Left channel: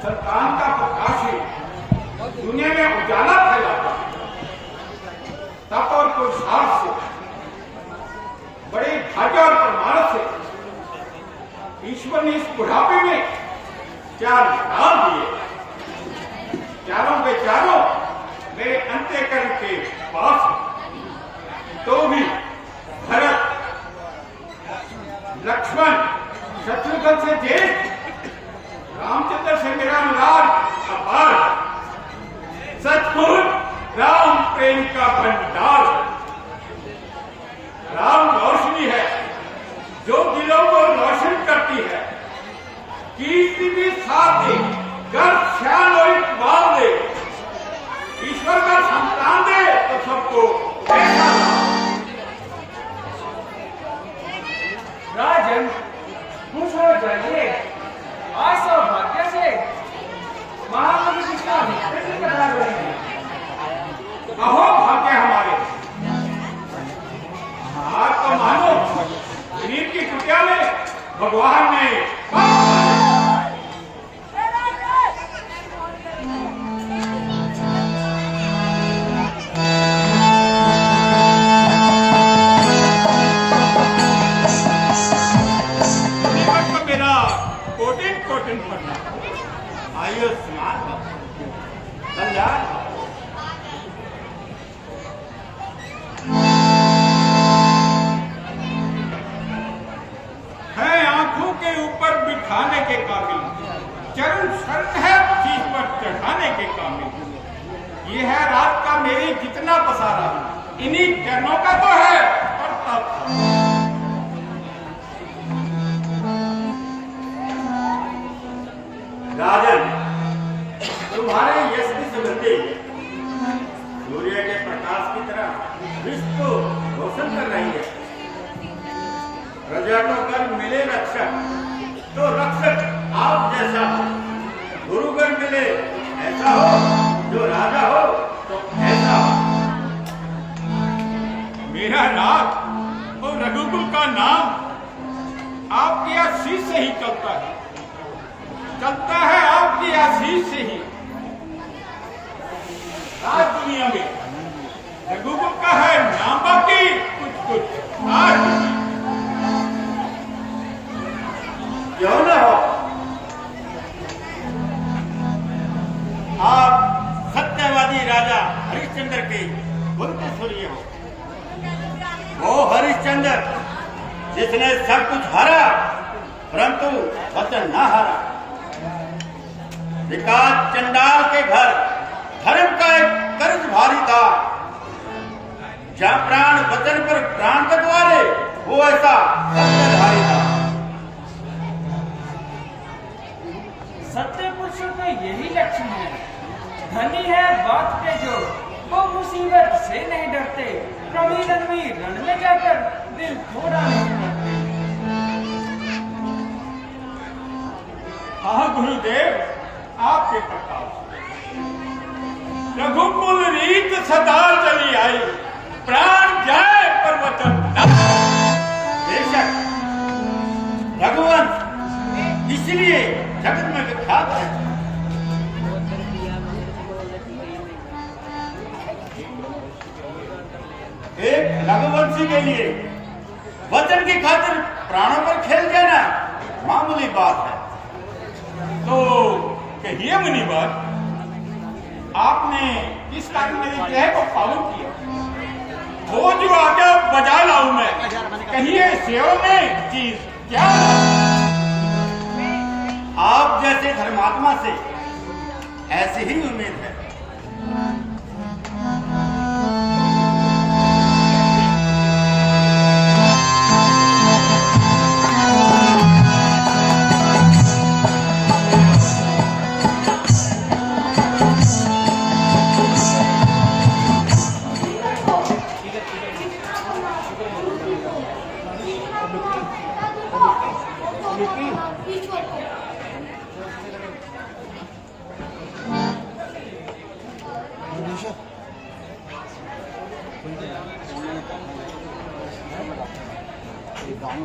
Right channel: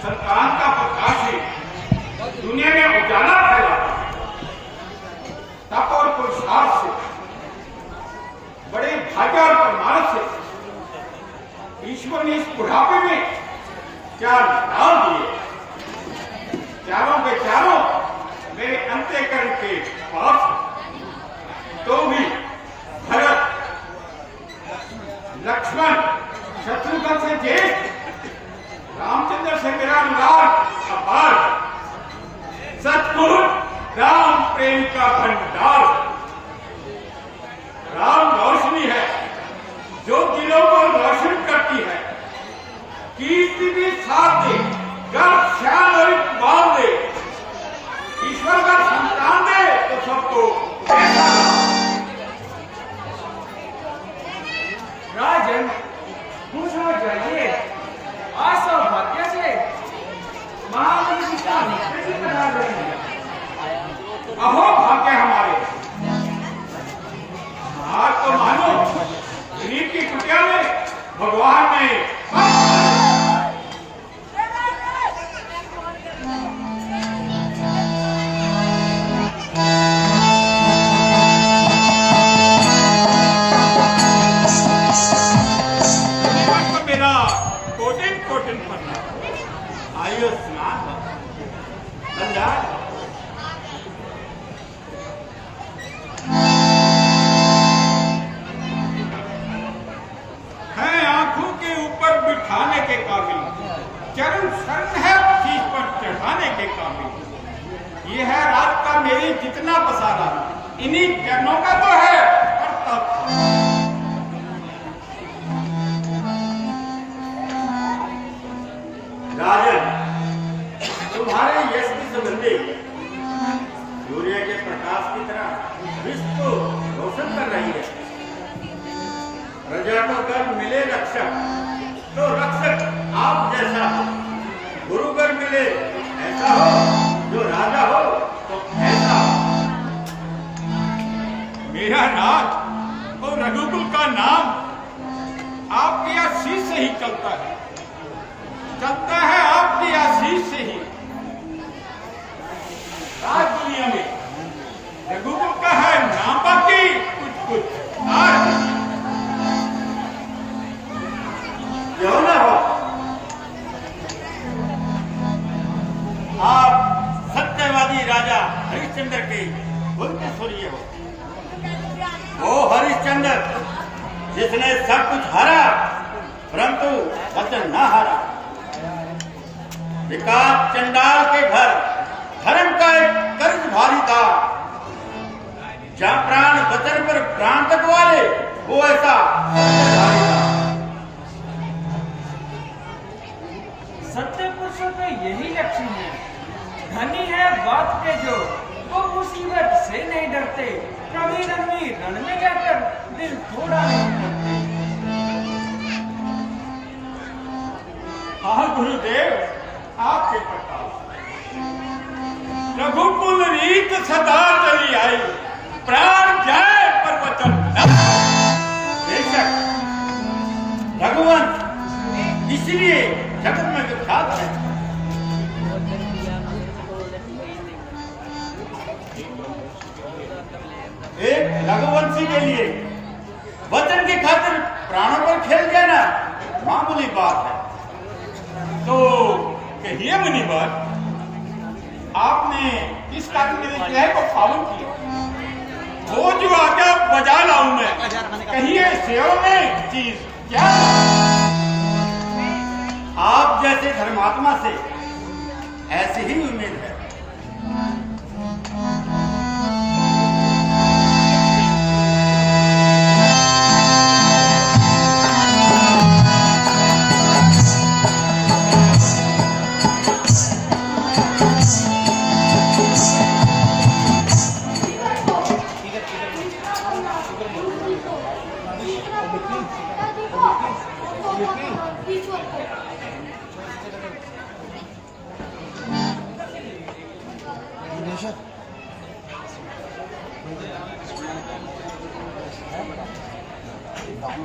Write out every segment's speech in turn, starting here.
संतान का प्रकाश ही दुनिया में उजाला फैलाता है। तप और पुरुषार्थ से, बड़े भाग्य और प्रमाण से ईश्वर ने इस बुढ़ापे में चार डाल दिए। चारों के चारों मेरे अंतःकरण के पास। तो भी भरत, लक्ष्मण, शत्रुघ्न से ज्येष्ठ, रामचंद्र से मेरा अनुराग अपार। सचमुच राम प्रेम का भंडार। राम रोशनी है जो दिलों को रोशन करती है। कीर्ति भी साथ दे, गर्व शान और इकबाल दे। ईश्वर का संतान दे तो सबको ऐसा राजन, खुश हो जाइए। आज सौभाग्य से महामुनि जी का नित्य बना रहे हैं। अहो भाग्य हमारे। आज तो मानो गरीब की कुटिया में भगवान ने मेरा कोटिन कोटिन पढ़ना। आयुष्मान कल्याण। है आंखों के ऊपर बिठाने के काबिल, चरण शरण है शीश पर चढ़ाने के काबिल। ये है रात का मेरी जितना पसारा, इन्हीं चरणों का तो है प्रताप। राजन, तुम्हारे यश की सुगंधी सूर्य के प्रकाश की तरह विश्व को रोशन कर रही है। प्रजा को अगर मिले रक्षक तो रक्षक आप जैसा हो। गुरु अगर मिले ऐसा हो, जो राजा हो तो ऐसा हो। मेरा नाम और रघुकुल का नाम आपकी आशीष से ही चलता है। चलता है आपकी आशीष से ही। आज दुनिया में रघुकुल का है नाम, बाकी कुछ कुछ आज क्यों ना हो। आप सत्यवादी राजा हरिश्चंद्र के कुल के सूर्य हो। वो हरिश्चंद्र जिसने सब कुछ हारा परंतु वचन न हारा। विकास चंडाल के घर धर्म का एक कर्ज भारी था। जहां प्राण वचन पर प्राण तक वाले, वो ऐसा सत्यधारी था। सत्य पुरुषों का यही लक्षण है। धनी है बात के जो, वो मुसीबत से नहीं डरते। प्रवीण आदमी रण में जाकर दिल थोड़ा नहीं करते। हाँ गुरुदेव, आपके प्रताप रघुकुल रीत सदा चली आई। प्राण जाए पर वचन न। बेशक भगवान इसलिए जगत में विख्यात है। एक रघुवंशी के लिए वचन की खातिर प्राणों पर खेल जाना मामूली बात है। तो कहिए मुनिवर, आपने किस कारण मेरे ग्रह को पावन किया? वो जो आज्ञा बजा लाऊं मैं, कहिए सेवा में चीज क्या लाऊं? आप जैसे धर्मात्मा से ऐसी ही उम्मीद है।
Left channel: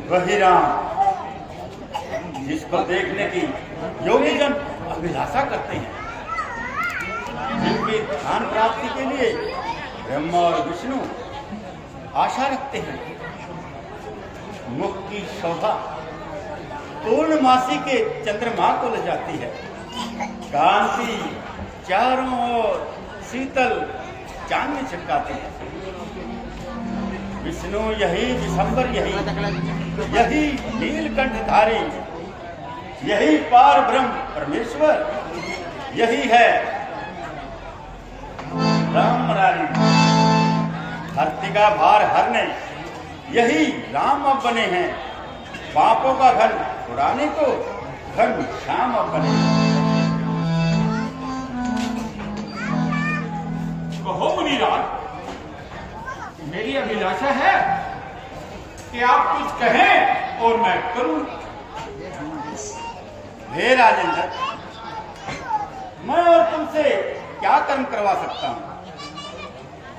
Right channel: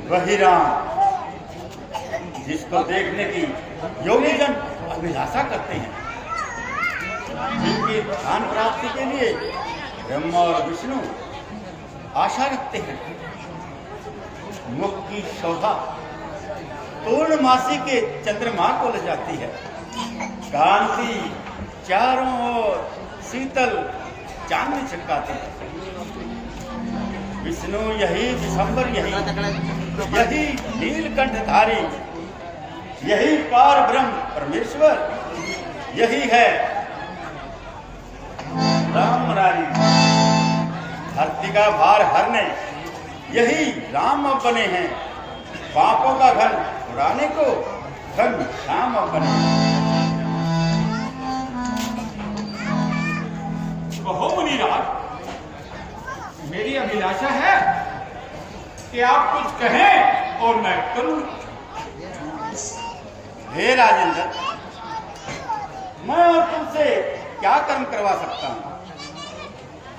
वही राम जिसको देखने की योगी जन अभिलाषा करते हैं, जिनकी ध्यान प्राप्ति के लिए ब्रह्मा और विष्णु आशा रखते हैं। मुख की शोभा पूर्णमासी के चंद्रमा को ले जाती है, कांति चारों ओर शीतल चांदनी छिटकाती है। विष्णु यही विशंबर यही नीलकंठधारी, यही पार ब्रह्म परमेश्वर, यही है राम मुरारी। धरती का भार हरने यही राम अब बने हैं, पापों का घन उड़ाने को घन श्याम अब बने। कहो मुनिराज, मेरी अभिलाषा है कि आप कुछ कहें और मैं करूं। हे राजेंद्र, मैं और तुमसे क्या कर्म करवा सकता हूं?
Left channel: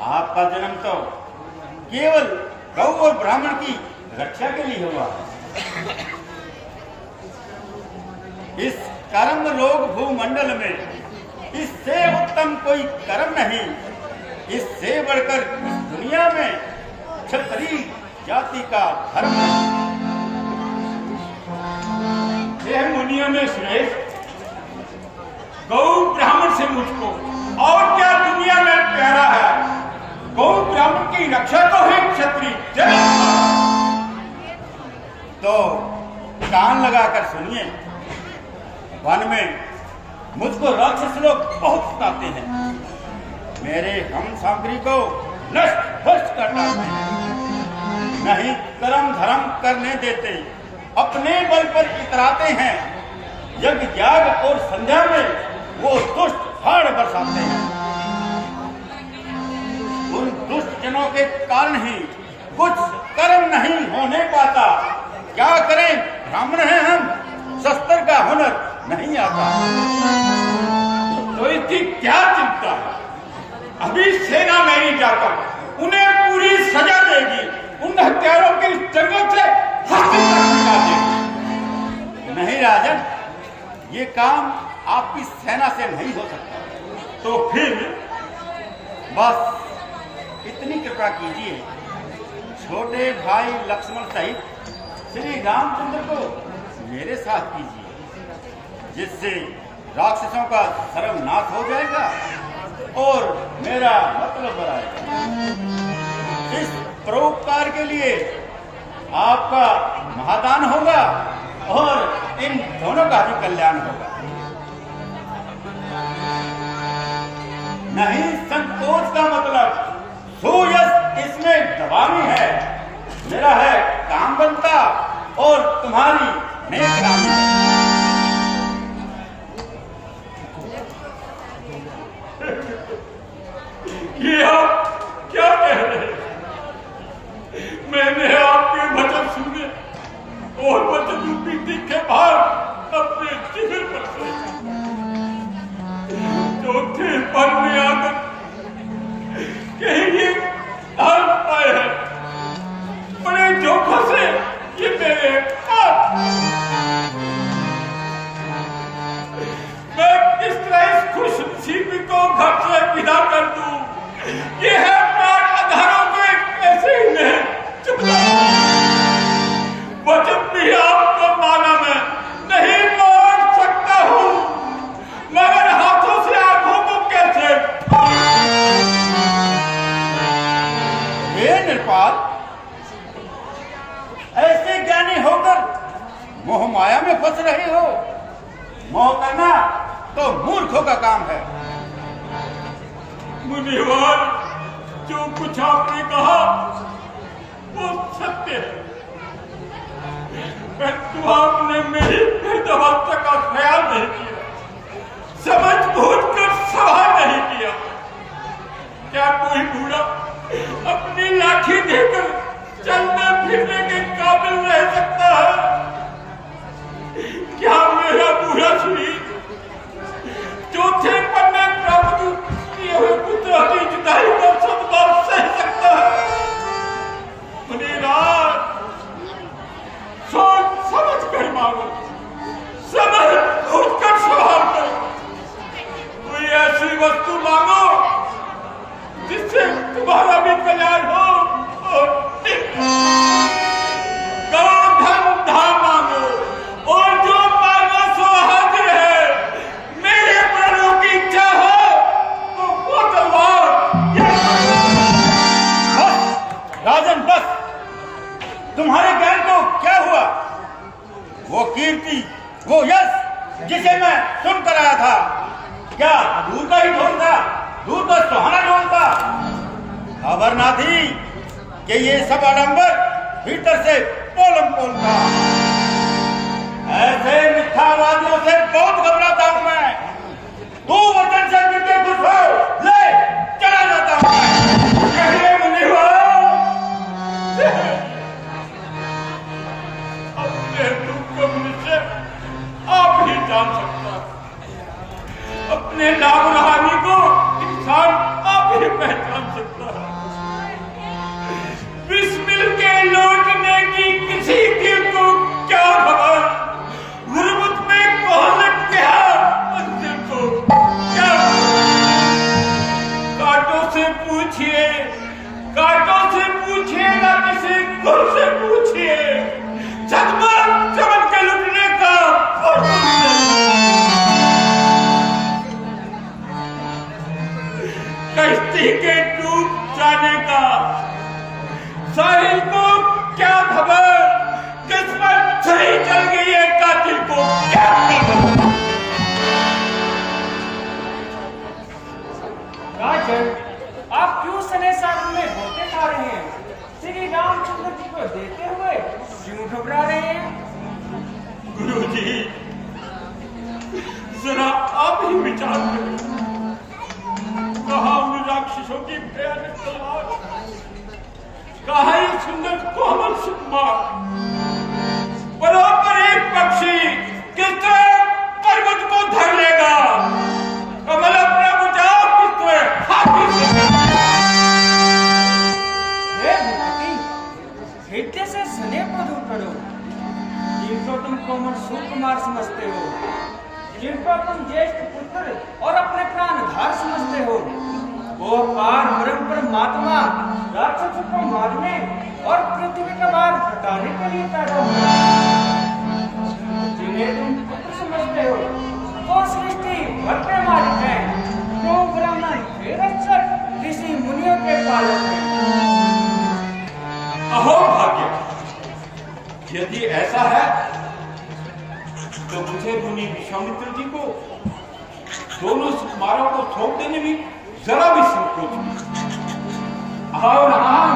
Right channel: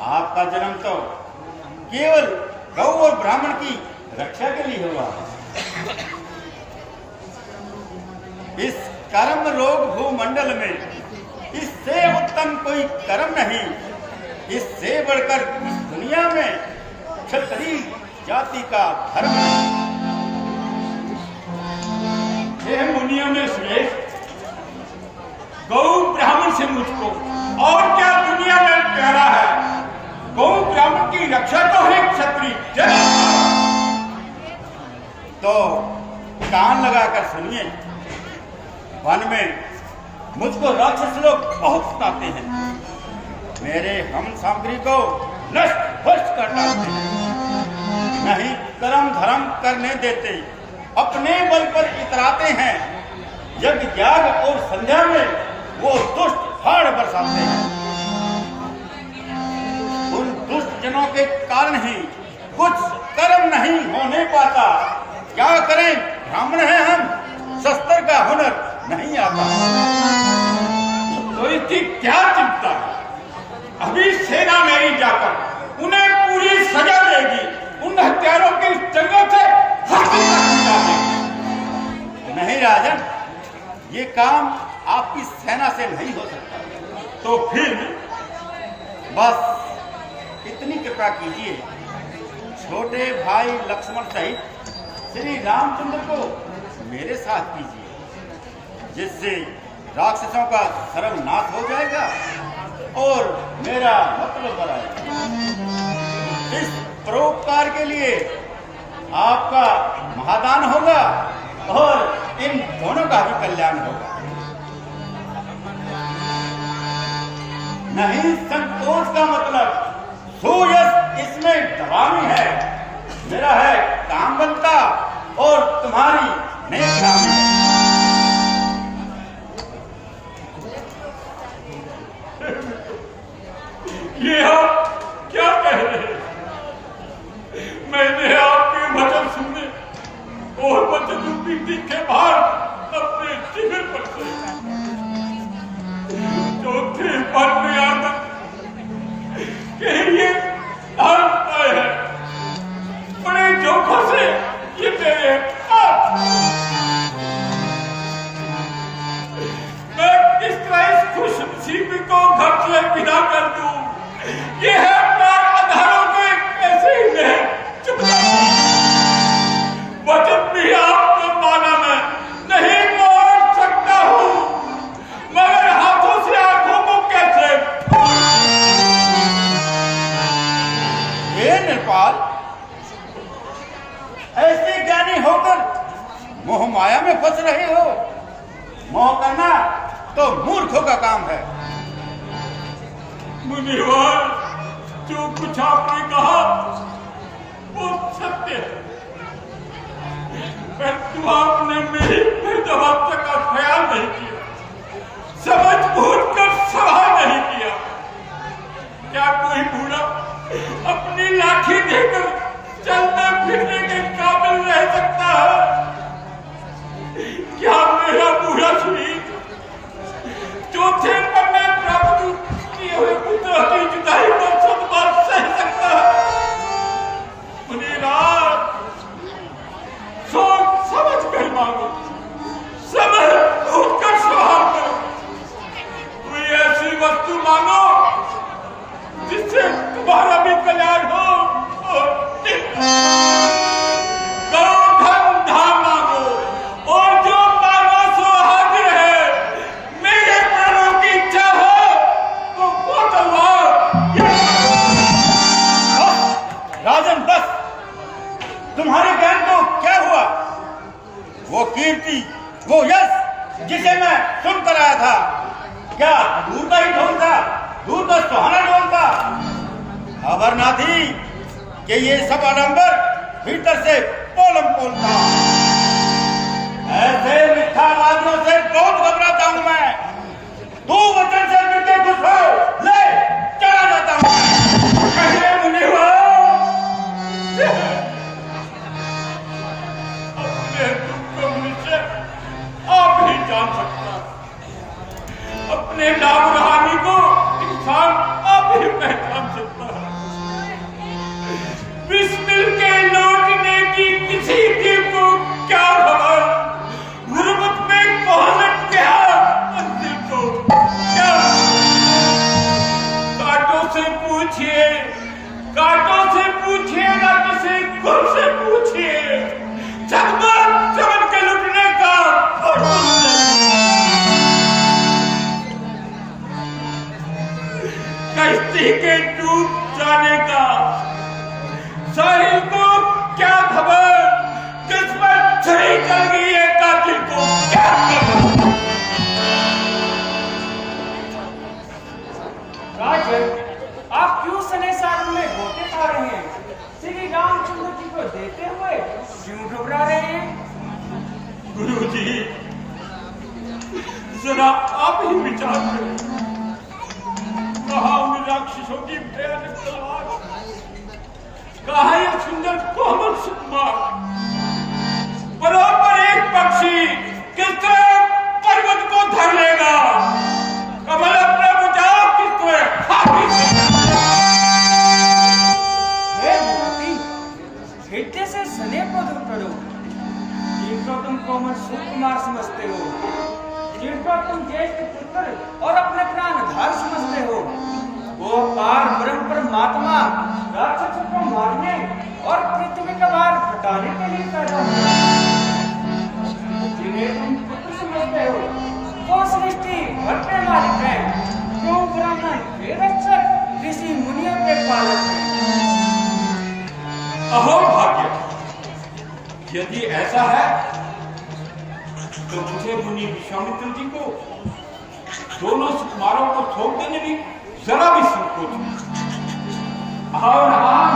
आपका जन्म तो केवल गौ और ब्राह्मण की रक्षा के लिए हुआ। इस कर्म रोग भूमंडल में इससे उत्तम कोई कर्म नहीं, इससे बढ़कर इस दुनिया में क्षत्रिय जाति का धर्म नहीं। यह मुनियों में श्रेष्ठ गौ ब्राह्मण से मुझको और क्या दुनिया में प्यारा है। गौ ब्राह्मण की रक्षा को ही क्षत्रिय जन। तो कान लगाकर सुनिए, वन में मुझको राक्षस लोग बहुत सताते हैं, मेरे हम सामग्री को नष्ट भ्रष्ट कर डालते हैं, नहीं कर्म धर्म करने देते, अपने बल पर इतराते हैं। यज्ञ याग और संध्या में वो दुष्ट फाड़ बरसाते हैं। उन दुष्ट जनों के कारण ही कुछ कर्म नहीं होने पाता। क्या करें, ब्राह्मण हैं हम, शस्त्र का हुनर नहीं आता। तो इसकी क्या चिंता है? अभी सेना मेरी जाकर उन्हें पूरी सजा देगी, उन हत्यारों की जंगों से हस्ती तक मिटा देगी। नहीं राजन, ये काम आपकी सेना से नहीं हो सकता। तो फिर बस इतनी कृपा कीजिए, छोटे भाई लक्ष्मण सहित श्री रामचंद्र को मेरे साथ कीजिए, जिससे राक्षसों का सर्वनाश हो जाएगा और मेरा मतलब बढ़ाएगा। इस परोपकार के लिए आपका महादान होगा और इन दोनों का भी कल्याण होगा। नहीं, संकोच का मतलब सुयश इसमें दबावी है। मेरा है काम बनता और तुम्हारी नेक नामी है। ये आप क्या कह रहे हैं? मैंने आपके वचन सुने और वचन रूपी तीखे भार अपने शिविर पर से चौथे पल में आकर कहीं ये हाल पाए हैं, बड़े जोखों से ये मेरे हाथ। मैं किस तरह इस खुश नसीबी को घर से विदा कर दूं? ये है प्राण आधारों को ऐसे ही मैं चुपता वचन भी आपको माना मैं नहीं मोड़ सकता हूं, मगर हाथों से आंखों को कैसे? हे नृपाल, ऐसे ज्ञानी होकर मोह माया में फंस रहे हो। मोह करना तो मूर्खों का काम है। मुनिवर, जो कुछ आपने कहा वो सत्य है, परंतु आपने मेरी वृद्धावस्था का ख्याल नहीं किया, समझ बूझ कर सवाल नहीं किया। क्या कोई बूढ़ा अपनी लाठी देकर चलने फिरने के काबिल रह सकता है? क्या मेरा बूढ़ा शरीर चौथे पन्ने प्राप्त किए हुए पुत्र की जुदाई को सदबार सह सकता है? मुनिराज, सोच समझ कर मांगो, समझ जिसे मैं सुन कर आया था, क्या दूर का ही ढोल था? दूर का सुहाना ढोल था। खबर ना थी कि ये सब आडंबर भीतर से पोलम पोल था। ऐसे मिथ्यावादियों से बहुत घबराता हूं मैं। तू वचन से मिलके खुश हो, ले चला जाता हूं मैं। अपने दुख को मुझसे आप ही जान सकता, अपने नाम हानि को इंसान आप ही पहचान सकता है। विष मिल के लौटने की किसी दिल को क्या खबर, गुरबत में कौन लट गया उस दिल को क्या खबर? कांटों से पूछिए, कांटों से पूछिए ना किसी गुल से पूछिए, चकमर चमन के लुटने का कश्ती के डूब जाने का साहिल को क्या खबर, जिस पर छुरी चल गई है कातिल को क्या खबर? राजन, आप क्यों सने सागर में गोते खा रहे हैं? श्री रामचंद्र जी को देते हुए क्यों घबरा रहे हैं? गुरुजी, जरा आप ही विचार करें। कहा उन राक्षसों की भयानक तलवार, कहा ये सुंदर कोमल सुकुमार, बराबर एक पक्षी किस तरह पर्वत को धर लेगा, कमल अपना बचाव किस तरह हाथी से। हे भगवती, हिट्टे से स्नेह को दूर करो। जिनको तुम कोमल सुकुमार समझते हो, जिनको तुम ज्येष्ठ पुत्र और अपने प्राणधार समझते हो, वो अपार ब्रह्म परमात्मा राक्षसों को मारने और पृथ्वी का भार घटाने के लिए पैदा हुए। जिन्हें तुम पुत्र समझते हो, वो सृष्टि भर के मालिक हैं, जो ब्राह्मण के रक्षक, ऋषि मुनियों के पालक हैं। अहो भाग्य, यदि ऐसा है तो मुझे मुनि विश्वामित्र जी को दोनों सुकुमारों को सौंप देने में जरा भी संकोच नहीं। आओ राम,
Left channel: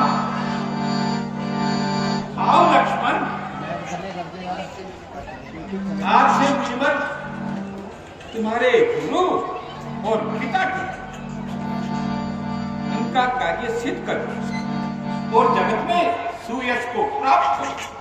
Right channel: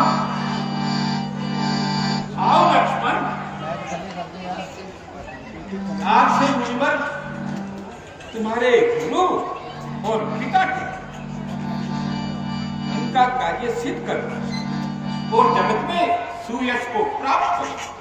आओ लक्ष्मण। आज से मुनिवर तुम्हारे गुरु और पिता के उनका कार्य सिद्ध कर और जगत में सुयश को प्राप्त करो।